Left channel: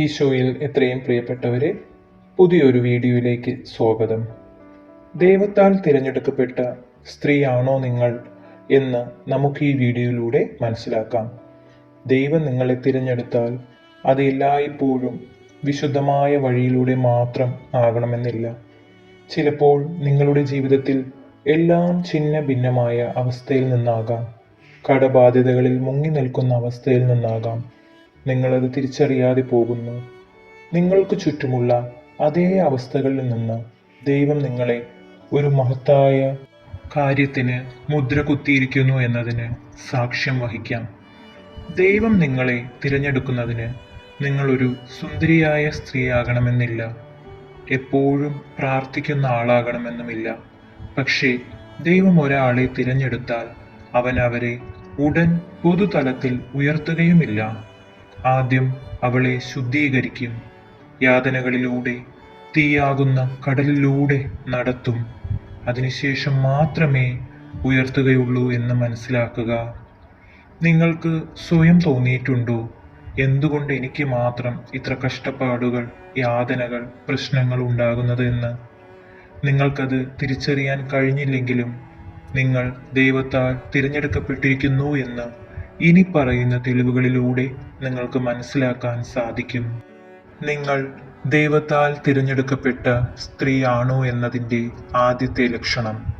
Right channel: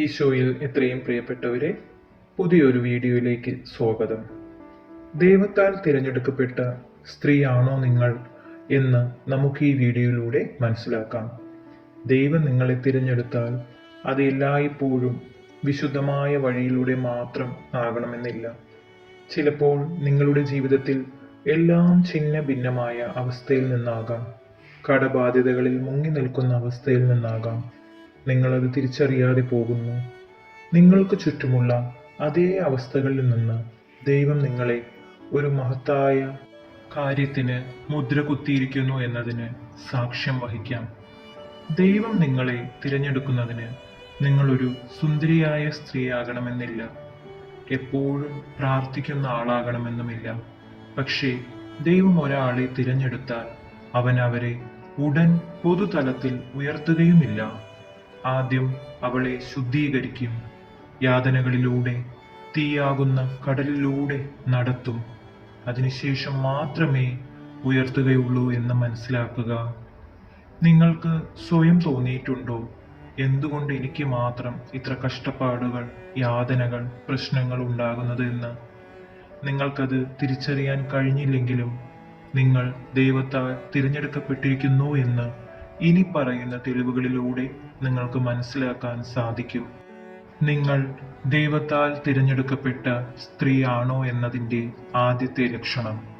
ഈശോയിൽ എത്രയും പ്രിയപ്പെട്ടവരെ പുതിയൊരു വീഡിയോയിലേക്ക് സ്വാഗതം. ദൈവത്താൽ തിരഞ്ഞെടുക്കപ്പെട്ട സ്ത്രീയാണോ നിങ്ങൾ എന്ന് നമുക്ക് ഈ വീഡിയോയിലൂടെ മനസ്സിലാക്കാം. ദൈവം നിങ്ങളെ തിരഞ്ഞെടുത്താൽ അത് എല്ലായ്പ്പോഴും വിശുദ്ധമായ വഴിയിലൂടെ മാത്രം ആകണമെന്നില്ല. ചിലപ്പോൾ നിങ്ങളുടെ ജീവിതത്തിൽ എല്ലാം ഛിന്ന ഭിന്നമായ അവസ്ഥയിൽ നിന്നാകാം. കടബാധ്യതകളിൽ മുങ്ങി നിൽക്കുന്ന അവസ്ഥയിൽ നിന്നാകാം. നിങ്ങളത് തിരിച്ചറിയാതെ പോകുന്നു. നിങ്ങൾക്ക് ചുറ്റുമുള്ള അതേ അവസ്ഥകളിൽ നിന്ന് ദൈവം നിങ്ങളെ ഒരു മഹത്തായ കാര്യത്തിന് മുദ്ര കുത്തിയിരിക്കുന്നു എന്നതിന് സാക്ഷ്യം വഹിക്കാം. ദൈവം നിങ്ങളെ തിരഞ്ഞെടുക്കുന്നതിന് നിങ്ങളൊരു സുന്ദരിയായ സ്ത്രീയാകണമെന്നില്ല. എപ്പോഴും പ്രാർത്ഥിക്കുന്ന ആളാകണമെന്നുമില്ല. പക്ഷേ ദൈവം ഒരാളെ തിരഞ്ഞെടുത്താൽ അവൻ അവരെ ഉടൻ പൊതുതലത്തിൽ ഉയർത്തുകയുമില്ല. ആദ്യം അവളെ ശുദ്ധീകരിക്കും. യാതനകളിലൂടെ തീയാകുന്ന കടലിലൂടെ നടത്തും. അതിനുശേഷം മാത്രമേ ഉയർത്തുകയുള്ളൂ എന്ന് മനസ്സിലാക്കുക. നിങ്ങൾക്ക് സ്വയം തോന്നിയിട്ടുണ്ടോ? എന്തുകൊണ്ട് എനിക്ക് മാത്രം ഇത്ര കഷ്ടപ്പാടുകൾ യാതനകൾ പ്രശ്നങ്ങൾ ഉണ്ടാകുന്നത് എന്ന്? നിങ്ങൾക്കത് തിരിച്ചറിയാൻ കഴിഞ്ഞില്ലെങ്കിലും നിങ്ങൾ ദൈവത്താൽ തിരഞ്ഞെടുക്കപ്പെട്ടിരിക്കുന്നു എന്ന് ഇനി പറയുന്ന തെളിവുകളിലൂടെ നിങ്ങൾക്ക് മനസ്സിലാക്കാൻ സാധിക്കും. നിങ്ങൾ ദൈവത്താൽ തിരഞ്ഞെടുക്കപ്പെട്ട സ്ത്രീയാണോ എന്നതിന്റെ ആദ്യത്തെ ലക്ഷണം.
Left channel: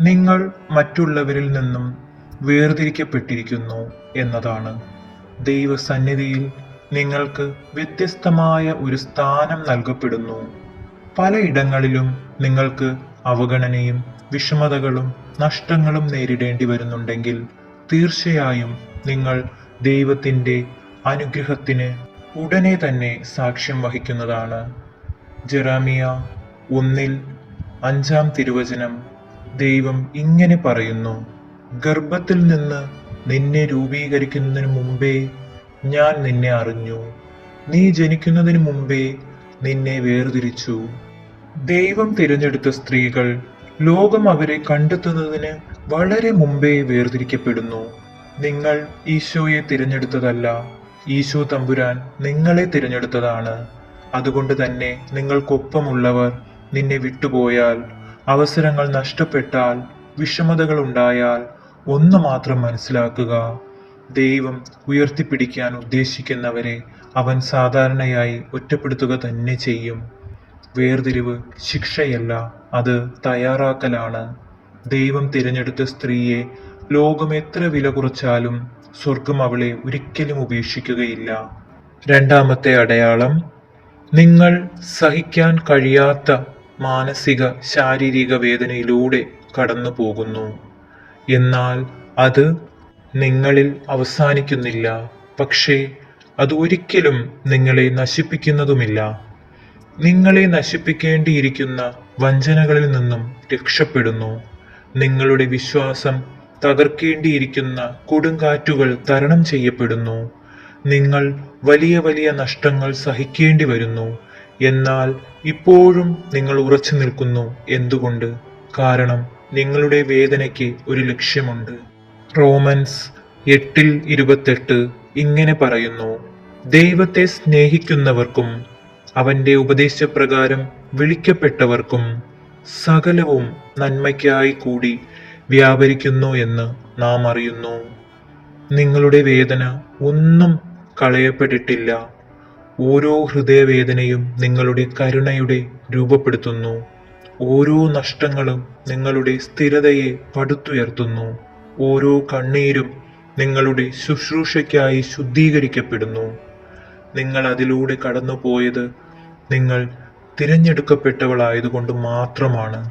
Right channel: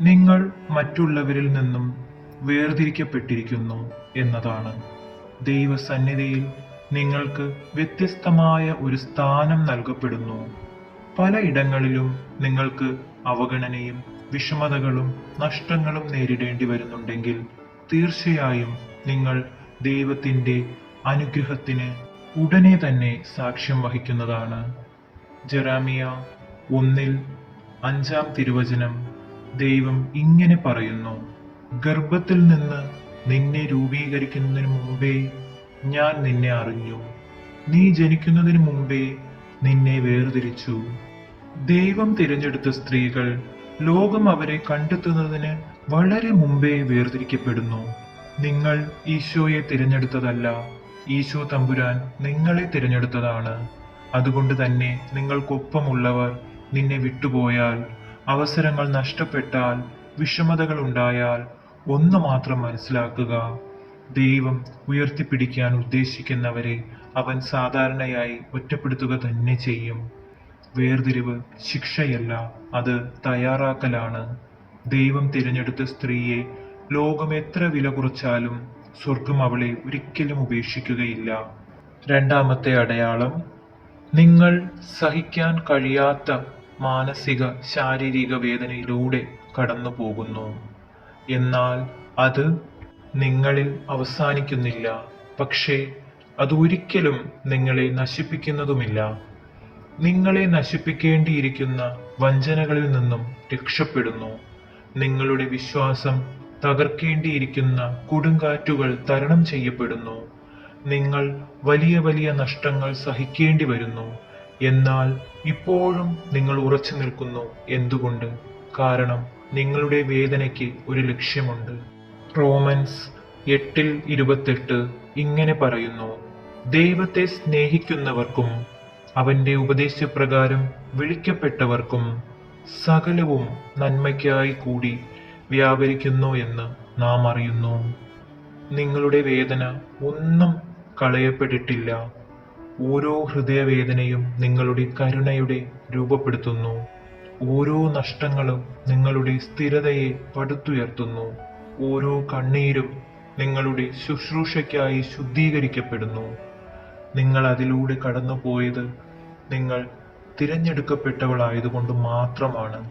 നിങ്ങൾ മറ്റുള്ളവരിൽ നിന്നും വേർതിരിക്കപ്പെട്ടിരിക്കുന്നു എന്നതാണ്. ദൈവസന്നിധിയിൽ നിങ്ങൾക്ക് വ്യത്യസ്തമായ ഒരു സ്ഥാനം നൽകപ്പെടുന്നു. പലയിടങ്ങളിലും നിങ്ങൾക്ക് അവഗണനയും വിഷമതകളും നഷ്ടങ്ങളും നേരിടേണ്ടി വരുന്നുണ്ടെങ്കിൽ തീർച്ചയായും നിങ്ങൾ ദൈവത്തിന്റെ അനുഗ്രഹത്തിന് ഉടനെ തന്നെ സാക്ഷ്യം വഹിക്കുന്നതാണ്. ജെറാമിയ ഒന്നിൽ അഞ്ചാം തിരുവചനം ദൈവം ഇങ്ങനെ പറയുന്നു ഗർഭത്തിൽ നിന്ന് നിന്നെ രൂപീകരിക്കുന്നതിന് മുമ്പേ ഞാൻ നിന്നെ അറിഞ്ഞു. നീ ജനിക്കുന്നതിന് മുമ്പേ നിന്നെ വേർതിരിച്ചു. ദൈവം തിരഞ്ഞെടുത്ത സ്ത്രീകൾ ലോകം അവരെ കണ്ടെത്തുന്നതിന് വളരെ മുമ്പേ വേർതിരിക്കപ്പെടുന്നു. നിങ്ങൾ ഈശോയെ തിരഞ്ഞെടുത്തതല്ല ഈശോ തമ്പുരാൻ നിങ്ങളെ തിരഞ്ഞെടുത്തതാണ്. അതുകൊണ്ട് തന്നെ നിങ്ങൾക്കൊപ്പമുള്ളവർ നിന്നെ വിട്ടുപോയാൽ അവസരങ്ങൾ നഷ്ടപ്പെട്ടാൽ വിഷമതകൾ ഉണ്ടായാൽ ഒന്ന് മാത്രം മനസ്സിലാക്കുക. ദൈവം ഉയർത്തിപ്പിടിക്കാൻ ഉദ്ദേശിക്കുന്നവരെ അവൻ സാധാരണയായി ഒറ്റപ്പെടുത്തുക തന്നെ ചെയ്യും. വേർതിരിവ് ശിക്ഷയല്ല അത് തയ്യാറാക്കലാണ്. ദൈവം തിരഞ്ഞെടുത്ത സ്ത്രീയെ ലോകം എത്ര വില കുറച്ചാലും സ്വർഗം അവളെ ഒരിക്കലും ഉപേക്ഷിക്കുകയില്ല. രണ്ടാമത്തെ അടയാളം നിങ്ങൾ സഹിക്കാൻ കഴിയാത്ത മാനസിക ശാരീരിക വേദനയിലൂടെ കടന്നു പോകുന്നു എന്നാൽ അത് നിങ്ങളിൽ അവസാനിക്കുന്നില്ല പക്ഷേ അത് ഒരിക്കലും നിങ്ങളെ നശിപ്പിക്കുന്നതുമില്ല. നിങ്ങളെ നശിപ്പിക്കേണ്ടിയിരിക്കുന്ന വഞ്ചനകളിൽ നിന്നും രക്ഷപ്പെടുന്നു. നിങ്ങളുടെ വിശ്വാസം തകർക്കേണ്ടിയിരിക്കുന്ന കൊടുങ്കാറ്റുകൾ തരണം ചെയ്യപ്പെടുന്നു. നിങ്ങൾ വലിയ വലിയ നഷ്ടങ്ങൾ സഹിക്കേണ്ടി വരുന്നു. എന്നാൽ ഇപ്പോഴും നിങ്ങൾ ഉറച്ചു നിൽക്കുന്നു എന്തുകൊണ്ട്? കാരണം നിങ്ങളുടെ വേദനയ്ക്ക് ഒരു ലക്ഷ്യമുണ്ട്. റോമൻസ് എട്ടിൽ ഇരുപത്തെട്ട് ഇങ്ങനെ പറയുന്നു ദൈവത്തെ സ്നേഹിക്കുന്നവർക്കും അവന്റെ ഉപദേശപ്രകാരം വിളിക്കപ്പെട്ടവർക്കും സകലവും നന്മയ്ക്കായി കൂടി വ്യാപരിക്കുന്നു എന്ന് നാം അറിയുന്നു. നിങ്ങളുടെ വേദന ഒന്നും കളയപ്പെട്ടിട്ടില്ല. ഓരോ ഹൃദയവേദനയും നിങ്ങളുടെ കരുണയുടെ രൂപപ്പെടുത്തുന്നു. ഓരോ നഷ്ടങ്ങളും നിങ്ങളുടെ സ്ഥിരതയെ പടുത്തുയർത്തുന്നു. ഓരോ കണ്ണീരും നിങ്ങളുടെ ശുശ്രൂഷയ്ക്കായി ശുദ്ധീകരിക്കപ്പെടുന്നു. നിങ്ങൾ അതിലൂടെ കടന്നുപോയത് നിങ്ങൾ തിരഞ്ഞെടുക്കപ്പെട്ടവളായതുകൊണ്ട് മാത്രമാണ്.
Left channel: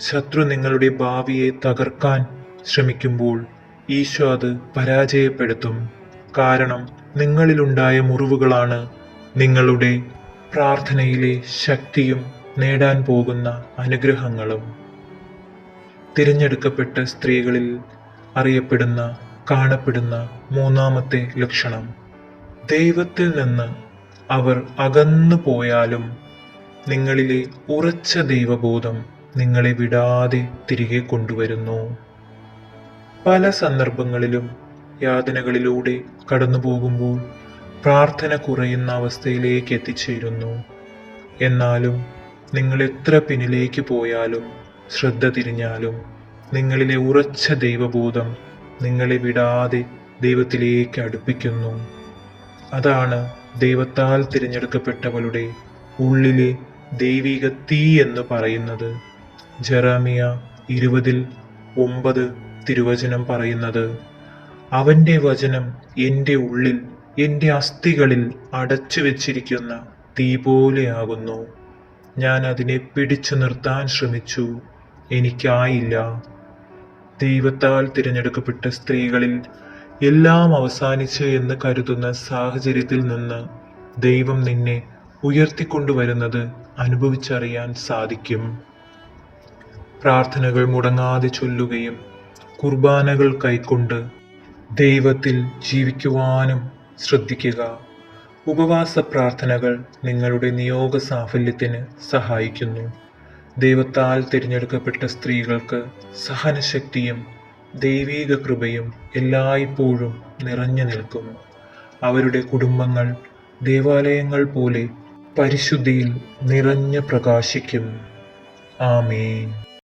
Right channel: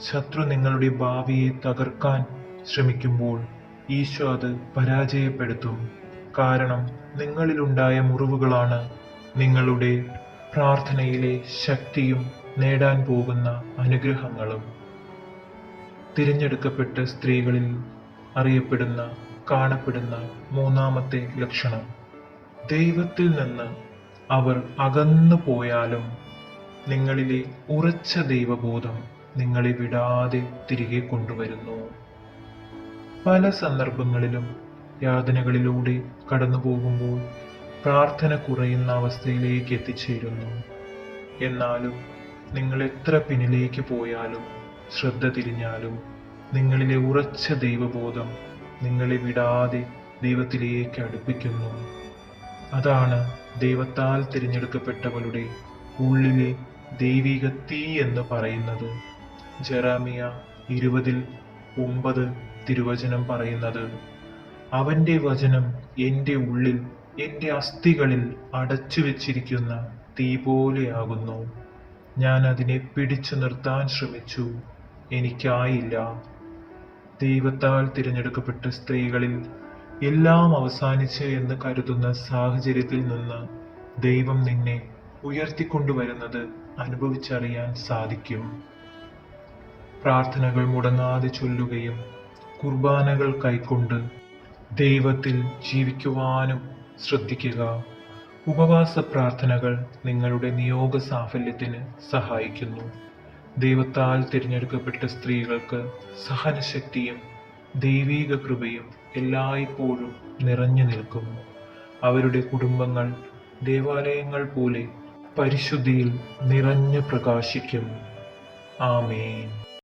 ശത്രു നിങ്ങളുടെ ഭാവിയെ തകർക്കാൻ ശ്രമിക്കുമ്പോൾ ഈശോ അത് പരാജയപ്പെടുത്തും. കാരണം നിങ്ങളിലുണ്ടായ മുറിവുകളാണ് നിങ്ങളുടെ പ്രാർത്ഥനയിലെ ശക്തിയും നേടാൻ പോകുന്ന അനുഗ്രഹങ്ങളും. തിരഞ്ഞെടുക്കപ്പെട്ട സ്ത്രീകളിൽ അറിയപ്പെടുന്ന കാണപ്പെടുന്ന മൂന്നാമത്തെ ലക്ഷണം. ദൈവത്തിൽ നിന്ന് അവർ അകന്നു പോയാലും നിങ്ങളിലെ ഉറച്ച ദൈവബോധം നിങ്ങളെ വിടാതെ തിരികെ കൊണ്ടുവരുന്നു. പല സന്ദർഭങ്ങളിലും യാതനകളിലൂടെ കടന്നു പോകുമ്പോൾ പ്രാർത്ഥന കുറയുന്ന അവസ്ഥയിലേക്ക് എത്തിച്ചേരുന്നു. എന്നാലും നിങ്ങൾ എത്ര പിന്നിലേക്ക് പോയാലും ശ്രദ്ധ തിരിഞ്ഞാലും നിങ്ങളിലെ ഉറച്ച ദൈവബോധം നിങ്ങളെ വിടാതെ ദൈവത്തിലേക്ക് അടുപ്പിക്കുന്നു. അതാണ് ദൈവത്താൽ തിരഞ്ഞെടുക്കപ്പെട്ടവളുടെ ഉള്ളിലെ ദൈവിക തീ എന്ന് പറയുന്നത്. ജെറാമിയ ഇരുപതിൽ ഒമ്പത് തിരുവചനം പറയുന്നത് അവന്റെ വചനം എന്റെ ഉള്ളിൽ എന്റെ അസ്ഥികളിൽ അടച്ചു വെച്ചിരിക്കുന്ന തീ പോലെയാകുന്നു ഞാൻ അതിനെ പിടിച്ചു നിർത്താൻ ശ്രമിച്ചു. എനിക്കായില്ല. ദൈവത്താൽ തിരഞ്ഞെടുക്കപ്പെട്ട സ്ത്രീകളിൽ എല്ലാം അവസാനിച്ച് എന്ന് കരുതുന്ന സാഹചര്യത്തിൽ നിന്ന് ദൈവം നിന്നെ ഉയർത്തിക്കൊണ്ടുവരുന്നത് അനുഭവിച്ചറിയാൻ സാധിക്കും. പ്രാർത്ഥനകൾ മുടങ്ങാതെ ചൊല്ലുകയും കുർബാനകൾ കൈക്കൊണ്ട് ദൈവത്തിൽ ജീവിക്കുവാനും ശ്രദ്ധിക്കുക. ഉപവാസ പ്രാർത്ഥനകൾ നിങ്ങളുടെ നിയോഗ സാഫല്യത്തിന് സഹായിക്കുന്നു. ദൈവത്താൽ തിരഞ്ഞെടുക്കപ്പെട്ട സ്ത്രീകൾക്ക് സഹനശക്തിയും ദൈവീക കൃപയും എല്ലായ്പ്പോഴും നിറഞ്ഞു നിൽക്കും അവരുടെ കുടുംബങ്ങൾ ദേവാലയങ്ങൾ പോലെ പരിശുദ്ധിയിൽ നിറഞ്ഞു പ്രകാശിക്കും ആമേൻ.